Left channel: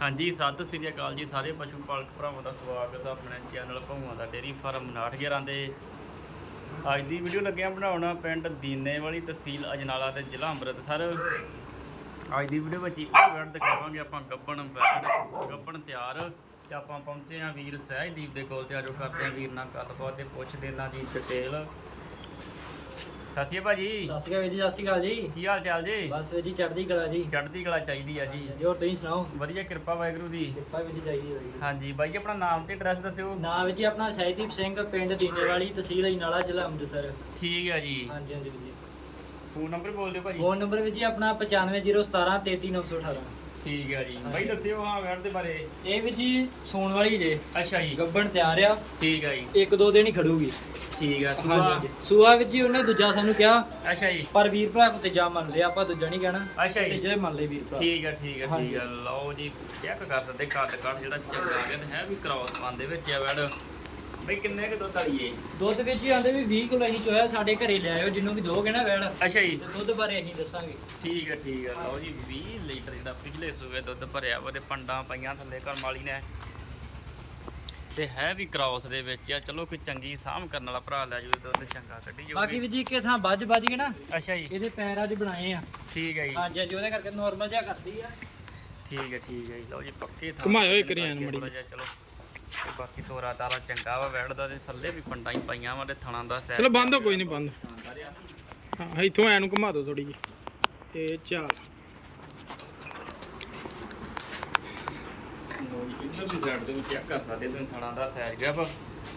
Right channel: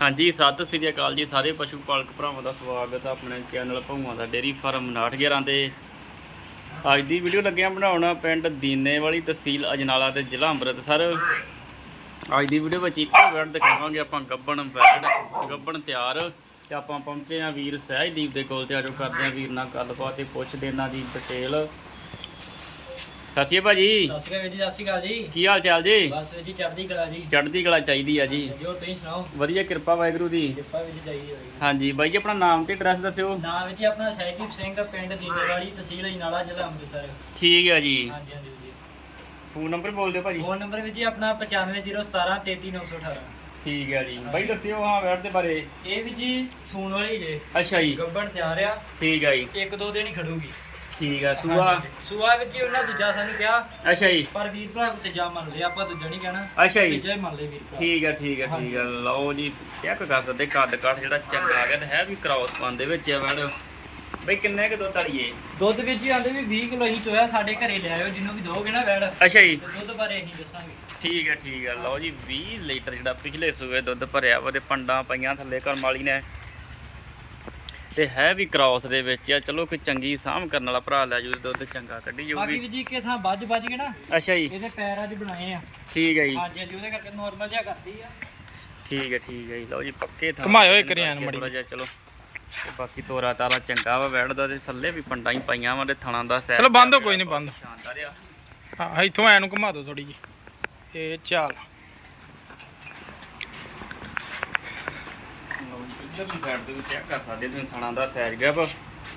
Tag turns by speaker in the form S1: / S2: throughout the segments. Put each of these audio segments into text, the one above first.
S1: ਹਾਂਜੀ, ਸਤਿ ਸ੍ਰੀ ਅਕਾਲ ਜੀ ਸਾਰੇ ਪਸ਼ੂ ਪਾਲਕ ਭਰਾਵਾਂ ਦਾ ਸਵਾਗਤ ਹੈ ਆਪਣੇ ਚੈਨਲ ਭੂਮਾ ਦਾ ਡੇਰੀ ਫਾਰਮ 911 ਦੇ ਅੱਜ ਦੀ ਵੀਡੀਓ ਲੱਗਿਆ ਬਣਾਉਣਾ ਪਿੰਡ ਦੀਨੇ ਵਾਲੀ ਤਹਿਸੀਲ ਅਜਨਾਲਾ ਤੇ ਜ਼ਿਲ੍ਹਾ ਅੰਮ੍ਰਿਤਸਰ। ਅੱਜ ਦੀ ਵੀਡੀਓ ਵਿੱਚ ਇੱਕ ਵਰਡ ਦਿਖਾਵਾਂਗੇ ਆਪਾਂ ਗੱਬਣ ਬੈਡ ਗੱਬਣ ਤਿਆਰ ਤੇ ਆਪਾਂ ਪਹੁੰਚੇ ਆ ਵੀਰ ਸਹਿਜਦੀਪ ਦੇ ਕੋਲ ਤੇ ਆਜੋ ਕਰਦੇ ਆ ਵੀਰ ਨਾਲ ਗੱਲਬਾਤ ਤੇ ਪੁੱਛਦੇ ਇਹਨਾਂ ਦੀ ਡਿਟੇਲ ਸਤਿ ਸ਼੍ਰੀ ਅਕਾਲ ਭਾਜੀ।
S2: ਸਤਿ ਸ਼੍ਰੀ ਅਕਾਲ ਜੀ ਸਤਿ ਸ਼੍ਰੀ ਅਕਾਲ ਜੀ।
S1: ਕੀ ਹਾਲ ਚਾਲ ਜੀ?
S2: ਬਸ ਵੀਰ ਜੀ ਚੜ੍ਹਦੀ ਕਲਾ ਜੀ।
S1: ਚੜ੍ਹਦੀ ਕਲਾ ਚਾਹੀਦੀ ਆ ਜੀ।
S2: ਹੋਰ ਤੁਸੀਂ ਸੁਣਾਓ?
S1: ਵਧੀਆ ਕਿਰਪਾ ਵਾਹਿਗੁਰੂ ਦੀ।
S2: ਕਿਰਪਾ ਵੀਰ ਜੀ ਚਾਹੀਦੀ ਹੋਈ
S1: ਹਾਂਜੀ ਬਾਈ ਜੀ ਆਪਣਾ ਨਾਮ ਤੇ ਐਡਰੈਸ ਦੱਸਿਓ।
S2: ਨਾਮ ਵੀਰ ਜੀ ਆਪਣਾ ਸਹਿਜਦੀਪ ਸਿੰਘ ਪਿੰਡ ਦੀਨੇਵਾਲੀ ਤਹਿਸੀਲ ਅਜਨਾਲਾ ਜ਼ਿਲ੍ਹਾ ਅੰਮ੍ਰਿਤਸਰ।
S1: ਠੀਕ ਹੈ ਜੀ।
S2: ਹਾਂਜੀ ਹਾਂਜੀ ਵੀਰ ਜੀ।
S1: ਫੋਨ ਨੰਬਰ ਬੋਲ ਦਿਓ ਭਾਜੀ।
S2: ਫੋਨ ਨੰਬਰ ਵੀਰ ਜੀ ਆਪਣਾ 95017 33918
S1: ਠੀਕ ਹੈ ਜੀ। ਬਾਈ ਦੱਸਿਓ ਹਾਂ ਵੈਟ ਦੇ ਬਾਰੇ।
S2: ਇਹ ਵੀਰ ਜੀ ਸੂਣ ਵਾਲੀ ਜੇ।
S1: ਅੱਛਾ ਜੀ।
S2: ਗੱਬਣ ਤਿਆਰ ਆ।
S1: ਠੀਕ ਹੈ ਜੀ।
S2: ਇੱਕ ਦੋ ਦਿਨ ਹੀ ਖੜੂਗੀ।
S1: ਠੀਕ ਹੈ ਸੂਆ।
S2: ਸੂਆ ਵੀਰ ਜੀ ਉਹਨਾਂ ਦੂਜਾ ਸਾਨੂੰ ਕਿਹਾ।
S1: ਅੱਛਾ ਜੀ।
S2: ਪਰ ਵੀਰ ਭਰਾ ਕੋ ਤੀਜਾ ਮੰਨ ਲਿਆ ਆਪਾਂ ਦੂਜਾ ਨਹੀਂ ਕਹਿਣਾ।
S1: ਅੱਛਾ ਜੀ।
S2: ਹੀ ਮੰਨ ਲਈ ਵੀਰ ਭਰਾ।
S1: ਠੀਕ ਹੈ ਠੀਕ ਹੈ ਠੀਕ। ਹੈ ਲਓ ਜੀ ਚੈੱਕ ਕਰ ਸਕਦੇ ਕੱਦ ਕੱਟ ਜਿਹੜਾ ਚੰਗਾ ਤੇ ਹੈ ਵੀ ਕ੍ਰਾਸ ਪਾਉਣ ਦੇ ਵਿੱਚ ਆ ਵੈਲ ਬਈ ਕਿੰਨੇ ਕੁ ਦੁੱਧ ਵਾਲੀਏ
S2: ਦੁੱਧ ਵੀਰ ਜੀ ਆਂਦੇ ਵੀ 20 ਕਿਲੋ ਅਸੀਂ ਚੋਇਆ ਸਾਡੇ ਘਰੇ ਲੈ ਆਇਓ ਜਿੰਨੂੰ ਵੀ ਦੋਗੇ ਨਾ ਵੈੜ
S1: ਅੱਛਾ ਜੀ।
S2: ਤੇ ਦੁੱਧ ਬਾਰੇ ਅਸੀਂ ਦੱਸਾਂਗੇ।
S1: ਠੀਕ ਹੈ ਠੀਕ ਹੈ ਲਓ ਜੀ 20 ਲੀਟਰ ਜਿਹੜਾ ਪਿਛਲੇ ਸੂਏ ਦੁੱਧ ਭਰਿਆ ਵਾ ਤੇ ਪੰਡਾਂ ਪਈਆਂ ਥੱਲੇ ਕਰਮ ਵਾਲੀ ਨੇ। ਤੇ ਹੈ ਵੀ ਕ੍ਰਾਸ ਦੇ ਵਿੱਚ ਆ। ਚਲੋ ਕੋਈ ਚੰਗੀ ਸਾਂਭ ਕਰਨ ਵਾਲਾ ਭਰਾ ਲੈ ਜੂ ਦੁੱਧ ਚੰਗਾ ਕੱਢੀ
S2: ਬਾਕੀ
S1: ਜਾਊਗੀ
S2: ਵੀ ਜੀ ਕਿ ਥਾਂ ਵੱਜ ਵੱਜ ਕੇ ਨਾ
S1: ਅੱਛਾ ਜੀ।
S2: ਇਹਦੇ ਪੈਰ ਅੱਜ ਬਣਾਏ ਆ।
S1: ਠੀਕ ਹੈ ਜੀ।
S2: ਹਾਂਜੀ ਹਾਂਜੀ ਉਹਦੇ ਕਰਕੇ ਨਾਰਮਲ ਜਿਹਾ ਕਰਦੀ ਆ।
S1: ਠੀਕ ਹੈ ਠੀਕ ਹੈ ਜੀ। ਲਓ ਜੀ ਪੱਕੇ ਥਾਂ
S3: ਘੁਮਾਇਓ ਇੱਕ
S1: ਬਾਕੀ
S3: ਮਾੜੀ
S1: ਚਲੋ। ਤੇ ਬਾਕੀ ਤੋਰਾ ਤਾਰਾ ਚੰਗਾ ਵਾ ਬੈਠਦਾ ਤੇ ਥੱਲੇ ਵੀ ਪੰਡਾਂ ਹੀ ਪਾਈਆਂ ਵਾ ਤੇ ਥਣਾ ਦਾ ਸੈਰ
S3: ਚਲੋ ਬੰਦ ਹੋ ਕੋਈ ਨਹੀਂ ਬੰਦ।
S1: ਸ਼ਾਨਦਾਰ ਆ।
S3: ਹਾਂ ਇੱਥੋਂ ਐ ਨੂੰ ਘੁਮਾ ਦਿਓ ਥੋੜੀ ਜੀ ਇਹ ਚੱਲ
S1: ਲਓ ਜੀ ਇੱਧਰਲੀ ਸਾਈਡ ਦੇ ਵਿੱਚ ਚੈੱਕ ਕਰ ਸਕਦੇ ਤੁਸੀਂ ਥਣਾ ਦਾ ਸੈਰ ਗਿਆ ਵਾ।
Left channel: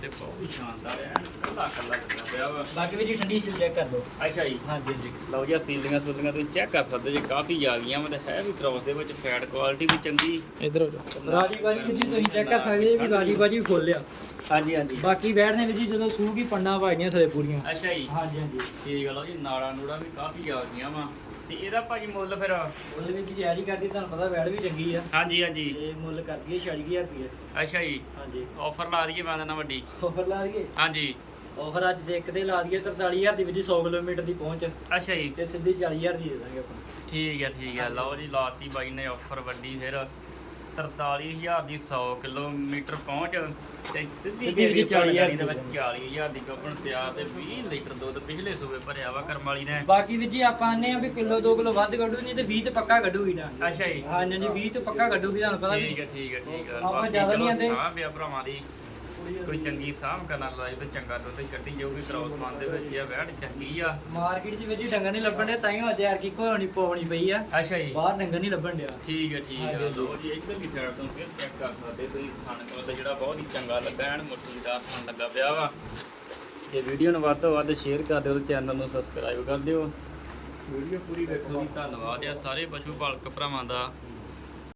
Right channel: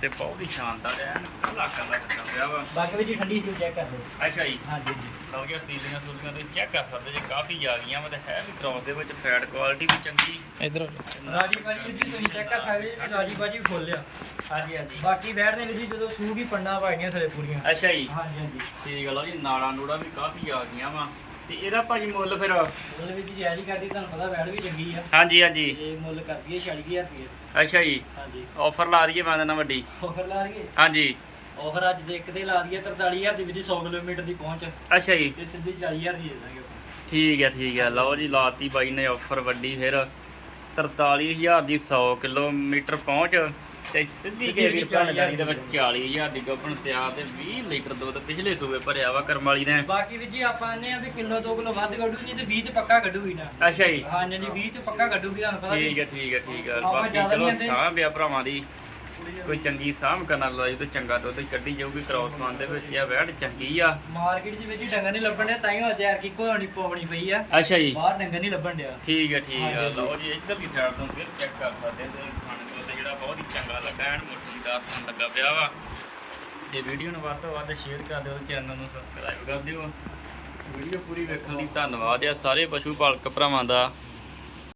S1: ਤੇ ਬਹੁਤ ਹੀ ਸ਼ਾਨਦਾਰ ਹੈ। ਕੱਲਾ ਕੱਲਾ ਦਿੱਤਾ ਪਿਆ ਵਾ।
S2: ਬਾਕੀ ਵੀ ਜੀ ਠੰਡੀ ਸੀ ਚੈੱਕ ਕਰ ਲਓ।
S1: ਅੱਛਾ ਜੀ।
S2: ਹਾਂਜੀ ਹਾਂਜੀ।
S1: ਲਓ ਜੀ ਸੀਲੀਆਂ ਸੂਲੀਆਂ ਤੁਸੀਂ ਚੈੱਕ ਕਰ ਸਕਦੇ ਜੀ ਕਾਫੀ ਆ ਗਈਆਂ ਵਾ ਤੇ ਹੈ ਵੀ ਕ੍ਰੋਸ ਦੇ ਵਿੱਚ ਫੈਟ ਕੁਆਲਿਟੀ ਵੀ ਚੰਗੀ।
S3: ਇਧਰ ਹੋ ਜਾ
S2: ਰਾਜੀ ਬਾਜੀ ਵੀ ਜੀ ਤੁਸੀਂ ਚੈੱਕ ਕਰ ਸਕਦੇ ਜੀ ਵੀ ਰਾਜੀ ਬਾਜੀ ਵੀ ਖੋਲਿਆ
S1: ਹਾਂਜੀ ਹਾਂਜੀ।
S2: ਬਾਕੀ ਬੈਠ ਨੇ ਵੀ ਜੀ ਜਦੋਂ ਸੂਗੀ ਪੰਡਾਂ ਪਾਈਆਂ ਥਲੇ ਪੂਰੀਆਂ।
S1: ਅੱਛਾ ਜੀ।
S2: ਹਾਂਜੀ ਹਾਂਜੀ।
S1: ਠੀਕ ਹੈ ਲਓ ਜੀ ਨਾੜਾਂ ਨੂੜਾਂ ਵੀ ਕਾਫੀ ਆ ਗਈਆਂ ਵਾ। ਤੇ ਇਹਦਾ ਭਾਜੀ ਮੁੱਲ ਫਿਰ
S2: ਉਹਦੇ ਵਿੱਚ ਜੈਰੀ ਕਰਦੀ ਤੁਹਾਨੂੰ ਪਤਾ ਬੈਠ ਵੀ ਚੰਗੀ ਆ।
S1: ਹਾਂਜੀ ਹਾਂਜੀ।
S2: ਤੇ ਮੁੱਲ ਕਰਦੀ ਹੈ 46000 ਰੁਪਏ
S1: ਅੱਛਾ ਜੀ।
S2: ਹਾਂਜੀ।
S1: ਆਫਰ ਲਾ ਦਈਏ ਮੈਂ ਦਿੰਦਾ ਵੱਡੀ।
S2: ਆਫਰ ਲਾ ਦਈਏ?
S1: ਹਾਂਜੀ।
S2: ਆਫਰ ਅੱਜ ਦੇ ਇੱਕ ਤੇ ਲਾ ਦਈਏ 43000 ਦੀ ਵਿੱਚ 100 ਕਿਲੋਮੀਟਰ ਦੀ ਪਹੁੰਚ।
S1: ਅੱਛਾ ਜੀ।
S2: ਤੇ ਸਿੱਧੀ 40000 ਦੀ ਦੇ ਦਾਂਗੇ ਆਪਾਂ।
S1: ਠੀਕ ਹੈ ਠੀਕ ਹੈ। ਲਓ ਜੀ ਲਾਤੀ ਬਾਈ ਨੇ ਆਫਰ ਵੱਡੀ ਫਿਰ। 43000 ਦੀ 100 ਕਿਲੋਮੀਟਰ ਪਹੁੰਚ ਤੇ ਸਿੱਧੀ
S2: ਜੀ
S1: 40000 ਦੇ ਵਿੱਚ 40000 ਦੀ ਗੱਪਣ ਤਿਆਰ ਤੇ 20 ਲੀਟਰ ਦੁੱਧ ਪਿਛਲੇ ਸੂਬੇ ਭਰਿਆ ਵਾ ਕਰਮ ਵਾਲੀ ਨੇ।
S2: ਬਾਕੀ ਵੀ ਜੀ ਆਪਾਂ ਆਨੇ ਆ ਵੀ ਕਿਲੋ 2 ਕਿਲੋ ਵੱਧ ਕੱਢੂ ਨਹੀਂ ਤੇ 20 ਤੇ ਪੱਕਾ ਕੱਢੂਗੀ ਨਾ।
S1: ਅੱਛਾ ਜੀ।
S2: ਹਾਂ ਨਹੀਂ 20 ਤੇ ਪੱਕਾ ਕੱਢੂਗੀ ਤੁਹਾਨੂੰ ਪਤਾ
S1: ਠੀਕ ਹੈ ਠੀਕ ਹੈ ਠੀਕ ਹੈ।
S2: ਆਪਾਂ ਜ਼ਿਆਦਾ ਨਹੀਂ ਆਂਦੇ।
S1: ਸਾਹ ਭਰਾਵਾਂ ਦੀ। ਕੋਈ ਚੰਗੀ ਸਾਂਭ ਕਰਨ ਵਾਲਾ ਜੀ ਤੇ ਚੰਗਾ ਦੁੱਧ ਕੱਢੀ ਜਾਊਗੀ ਕ੍ਰੋਸ ਪਾਉਣ ਦੇ ਵਿੱਚ ਆ ਵੈੜ ਚੰਗੀ ਆ।
S2: ਮਾਰਕੀਟ 'ਚ ਵਿੱਚ ਹੀ ਡੰਗਰ ਨਹੀਂ ਲੱਭਣ ਦੇ ਤਾਂ ਹੀ ਹੋ ਯਾਰ ਕੀ ਕੋਹਣੀ ਪੋਵਣੀ ਪਈ ਆ।
S1: ਅੱਛਾ ਜੀ।
S2: ਬਾਹਰ ਡੰਗਰ ਨਹੀਂ ਲੱਭਣ ਡਿਆ।
S1: ਠੀਕ ਹੈ ਠੀਕ ਹੈ। ਲਓ ਜੀ ਇੱਧਰ ਦੀ ਸਾਈਡ ਤੋਂ ਫਿਰ ਚੈੱਕ ਕਰ ਸਕਦੇ ਤੁਸੀਂ ਖਾਣ ਕੋਲ ਤੇ ਜਿਹੜਾ ਬਹੁਤ ਹੀ ਚੰਗਾ ਲੱਗਾ ਐਨ ਮੁੱਠੀਦਾਰ ਤੋਂ ਲੱਗਾ ਪਿਆ ਵਾ। ਤੇ ਵੀਡੀਓ ਨੂੰ ਵੱਧ ਤੋਂ ਵੱਧ ਸ਼ੇਅਰ ਕਰ ਦਿਓ ਚੈਨਲ ਨੂੰ ਸਬਸਕ੍ਰਾਈਬ ਕਰ ਦਿਓ। ਵੀਡੀਓ ਪੂਰੀ ਵੇਖਣ ਲਈ ਧੰਨਵਾਦ ਆ ਸਾਰੇ ਪਸ਼ੂ ਪਾਲਕ ਭਰਾਵਾਂ ਦਾ।